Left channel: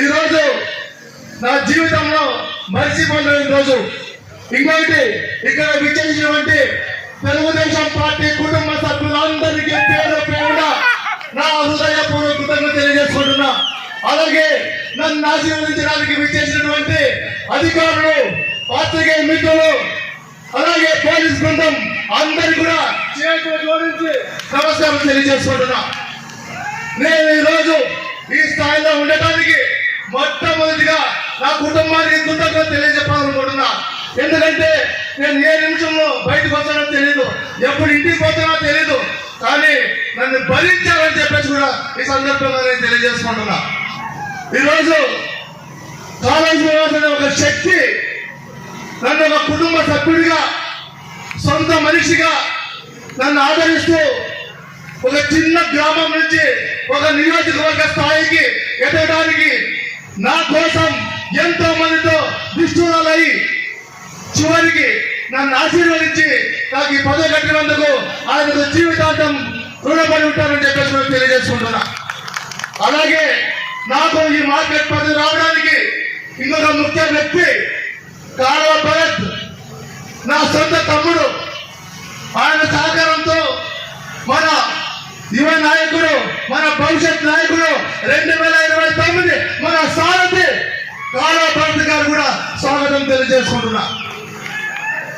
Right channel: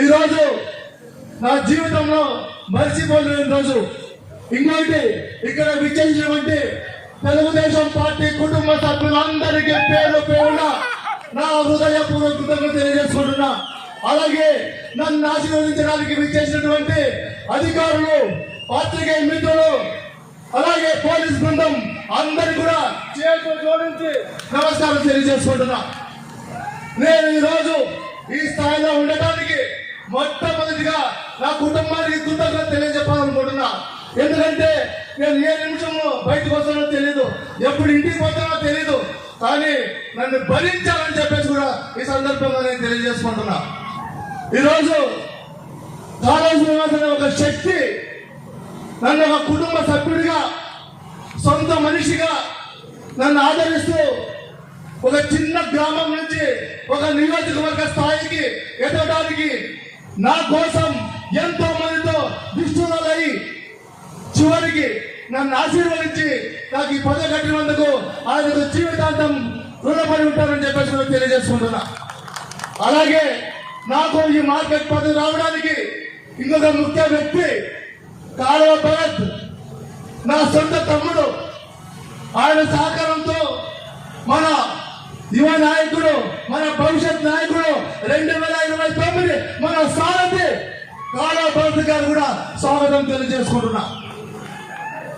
ఈరోజు నా జీవితంలో మర్చిపోలేని రోజు. ఇంకొకటి ఇక్కడ విచ్చేసినటువంటి తెలుగుదేశం పార్టీ కుటుంబ సభ్యులందరికీ పేరు పేరున నా హృదయపూర్వక కృతజ్ఞత తెలియజేసుకుంటున్నా. అలాగే నన్ను ఆశీర్వదించడానికి విచ్చేసినటువంటి అధికారులు పాత్రికేయ మిత్రులు అలాగే పోలీస్ బృందం అందరు కూడా చేతులు జోడించి నమస్కారం తెలియజేసుకుంటున్నా. నేను ఈరోజు ఈ స్థాయిలో ఉండటానికి మొట్టమొదటిగా నా కుటుంబానికి కృతజ్ఞత తెలియజెప్పాలనుకుంటున్నా ఎందుకంటే నేను ఏ నిమిషంలో బయటకు వస్తానో తెలియదు ఎప్పుడు ఇంటికి పోతానో తెలియదు కానీ నన్ను భరించాలని చెప్పేసి కూడా ఈ సందర్భంగా నేను తెలియజేసుకుంటున్నా. ఈరోజు కాలేజీ ఒక శక్తి నన్ను ఒక కుటుంబ సభ్యుడిగా సొంత మనిషిగా నన్ను ఆదరిస్తూ ఒక చిన్న గ్రామం నుంచి ఒక నియోజకవర్గ స్థాయికి ఎదగడానికి నా కోసం ఎంతో మందితో దుష్టులై చివరికి నన్ను ఆశీర్వదించి నాకు ఈ పదవి కట్టినందుకు ఆయనకు జీవితాంతం రుణపడి ఉంటానని చెప్పేసి నేను తెలియజేసుకుంటున్నా. అలాగే నాకు ఈ మార్కెట్ పదవి రావడానికి ఇంకొక ముఖ్య వ్యక్తి కాలువ భరత్ నా సొంత తమ్ముడు. ఆయన సహకారం మన యువ నాయకుడు మన భవిష్యత్ నాయకుడు రెండు వేల ఇరవై తొమ్మిది మన సారథి కాలువ భరత్ గారు కూడా స్వాగతం తెలియజేసుకుంటున్నా.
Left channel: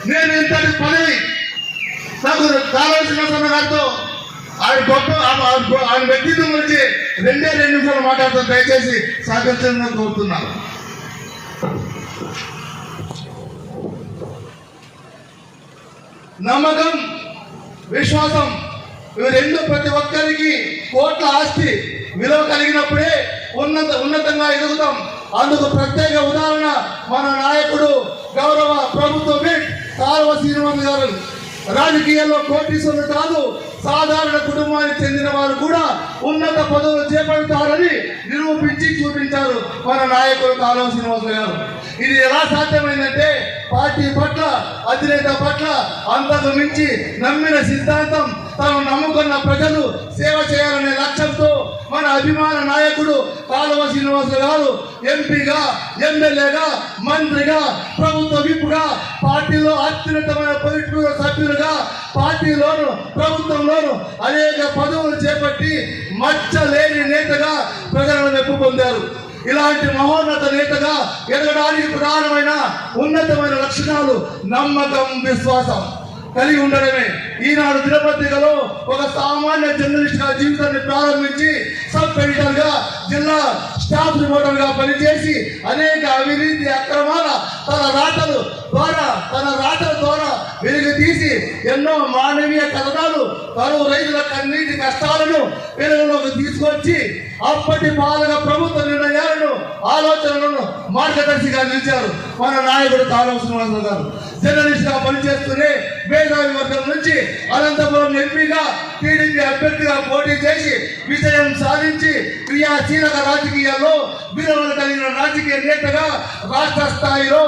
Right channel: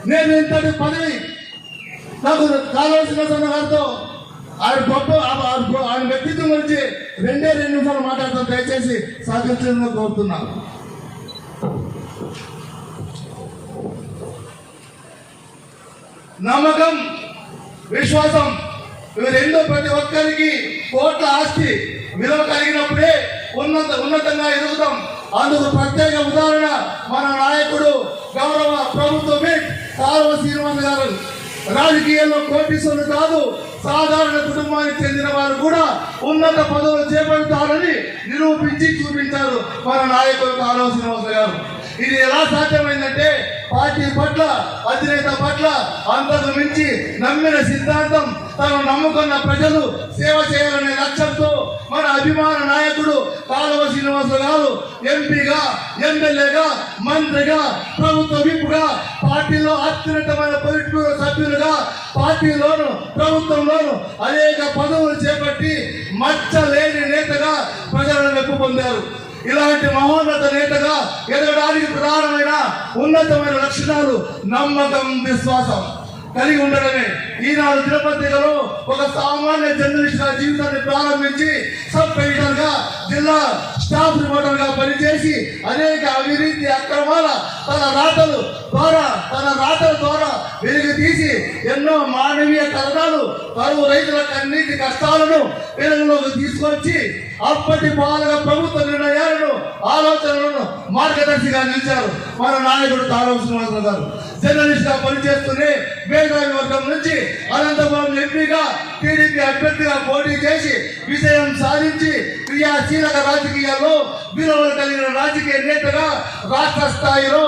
నేను ఇంతటి పదవి నాకు కావాల్సిన సన్న గారితో ఆయన గొప్ప ఆయన- వ్యక్తిత్వం గురించి రెండే రెండు నిమిషాలు మాట్లాడతాను దయచేసి సహకరించాలని కోరుతున్నాను నమ్మకం విశ్వాసం ఇవి రెండు ప్రతి ఒక్కరికి కోట్ల ఆస్తి. విలువ కలిగినప్పుడే ఉన్నత ఉన్నతంగా ఎదుగుతాం. అందుకు ప్రత్యేక ఉదాహరణ మన నాయకుడు గౌరవ ప్రభుత్వ బిడ్ కాలువ శ్రీనివాస్ గారు. రాజకీయాల్లో కోటీశ్వరులు కాదు సాధారణ కుటుంబానికి చెందిన వారు కూడా ఉన్నత పదవులు చేపడతారని నిరూపించి చూపించారు మన నాయకుడు కాలువ శ్రీనివాస గారు. ఇది ఎలా సాధ్యమైందంటే పార్టీ పట్ల అధినేత పట్ల అంతకు మించి నమ్మిన సిద్ధాంతం నమ్ముకున్న ప్రజలు సేవ చేయాలనే లక్ష్యంతో మన అభిమాన నాయకుడు కాలువ శ్రీనివాస గారు ఎంపీగా ఎమ్మెల్యేగా మంత్రిగా ప్రభుత్వ విప్పుగా పార్టీలో అత్యున్నతమైన పొలిట్ సభ్యులుగా పార్టీలోను ప్రభుత్వంలోను అనేక పదవులు చేపట్టి మచ్చ లేని నేతగా ప్రజలను మెప్పు పొందారు. ఇలాంటి మహోన్నత నేతగా ఎదగడానికి ప్రధానమైన ఉన్నతమైన లక్షణాలు నమ్మకం విశ్వాసం. కలిగి ఉండడమే. ఈనాడు తిరుపతిలో ఒక సామాన్య జర్నలిస్ట్గా జీవితాన్ని ప్రారంభించి సబ్ ఎడిటర్గా జిల్లా స్టాఫ్ రిపోర్టర్గా పనిచేసి అనేక అవినీతి అక్రమాల తన రాతలు ద్వారా తన రాతల ద్వారా వెలుగు తీసి ఎన్నో మానవీయ కథనాలు కరువు రైతుల కన్నీటి కష్టాలను వెలుగులోకి తీసుకొచ్చి అప్పటి పాలన ప్రభుత్వ నిర్ణయాలను ఆలోచనలను మార్గదర్శిగా నిలిచారు మన నాయకుడు తారవ గారు. జర్నలిస్ట్గా పనిచేస్తూనే మేధావి వర్గం నుంచి అనంతపురం ఎంపీగా టీడీపీ అభ్యర్థిగా పోటీ చేసి విజయం సాధించి క్రియాశీలక రాజకీయాల్లో విలువలు కలిగిన రాజకీయ నేతగా రాష్ట్ర స్థాయిలో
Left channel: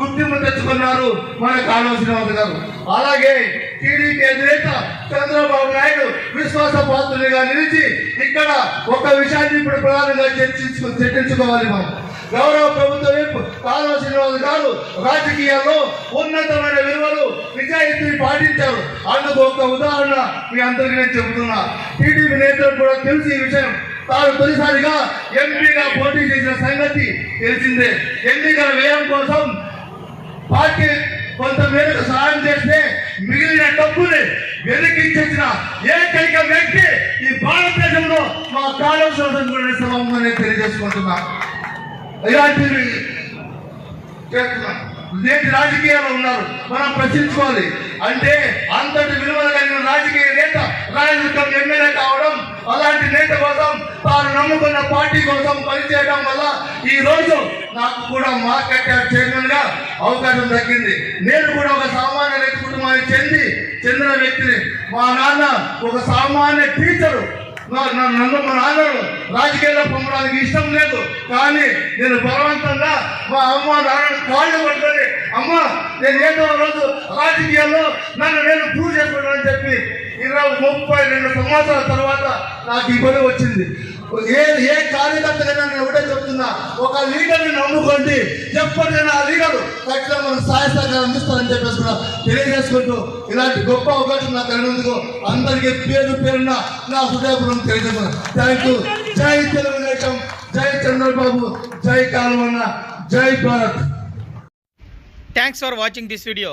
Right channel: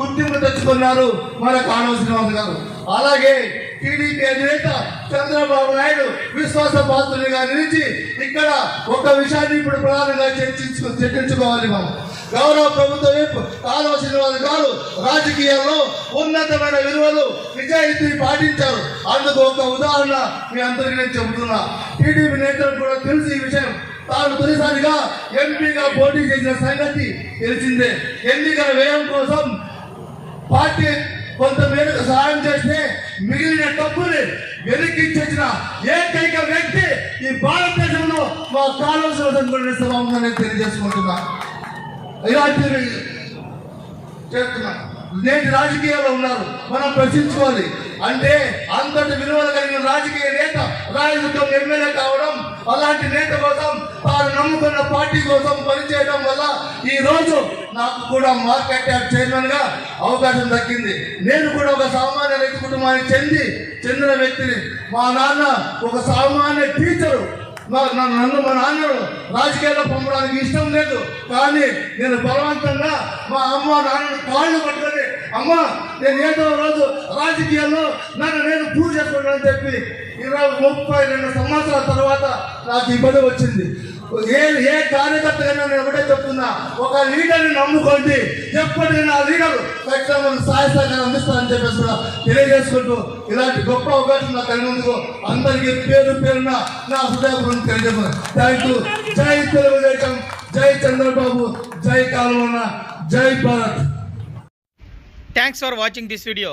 గుర్తింపు తెచ్చుకున్నారు మన కాలువ శ్రీనివాస గారు. అలాగే టీడీపీ అధినేత చంద్రబాబు నాయుడు విశ్వాస పాత్రుడిగా నిలిచి ఇక్కడ ఒక విషయాన్ని ఇప్పుడు ప్రధానంగా చర్చించు చర్చించుకోవాలి మనం. గౌరవ ప్రభుత్వం వైపు కాలువ గారు రాజకీయాల్లో ఉన్నతమైన విలువలు నిజాయితీ పాటించారు. అందుకు ఒక ఉదాహరణ మీ అందరికీ నేను చెబుతున్నా. టీడీపీ నేతలకు కూడా తెలిసి ఈ విషయం. తాను తొలిసారిగా ఎంపీగా పోటీ చేసిన సంగతి తెలిసిందే. ఎన్నికల వ్యయం కోసం పార్టీ కొంత మేరకు సహాయం చేస్తే మిగిలిన డబ్బుని వెలికించిన ఏకైక వ్యక్తి ఈ భారతదేశంలో మా కాలం నేను తెలియజేసుకుంటున్నా. ఇలాంటివి చేస్తున్నాం. నేటి రాజకీయాల్లో ఉన్నారు. మనం ప్రశ్నించుకోవాలి. అంటే అంతటి విలువలు కలిగిన రాజకీయ నేత రాయదుర్గం ఎమ్మెల్యే కావడం అలాంటి నేత కోసం తాను నమ్ముకున్న పార్టీ కోసం పనిచేయడం వల్ల ఈ రోజు నాకు కూడా మార్కెట్ యార్డ్ చైర్మన్గా అవకాశం దక్కింది. నేను కూడా ఒక సామాన్య రైతు కుటుంబానికి చెంది చెందిన వ్యక్తిని. మా నాన్న ఒక సామాన్య టీచరు నా- నన్ను మా నాన్నను రాజకీయాల్లో పంపడానికి ఇష్టం లేదు. కానీ నేను బలవంతంగా మా అమ్మ నాన్నను కాళ్ళు పట్టుకొని అమ్మ నేను ఏదో రోజు రాజకీయాల్లో నన్ను నేను ప్రూవ్ అని చెప్పి ఇరవై ముప్పై రెండు సంవత్సరాల తర్వాత నాకు ఈ వచ్చింది. ఏ ఏ కార్యకర్తగా నేను ఒకటే చెప్తున్నా ఒక లీడర్ని నమ్ముకోండి. ఎప్పటికైనా ఆ లీడర్ ఖచ్చితంగా నాకు సహాయ సహకారం అందిస్తానని చెప్పేసి కూడా తెలియజేసుకుంటూ ఇలాంటి గొప్ప అవకాశం నాకు కలిగినందుకు అందరికీ పేరు పేరున నా హృదయపూర్వం తెలియజేస్తున్నాను. Thank you. జై తెలుగుదేశం జై చంద్రబాబు జై కాలువన్న జై Bharat. Thanks for watching this video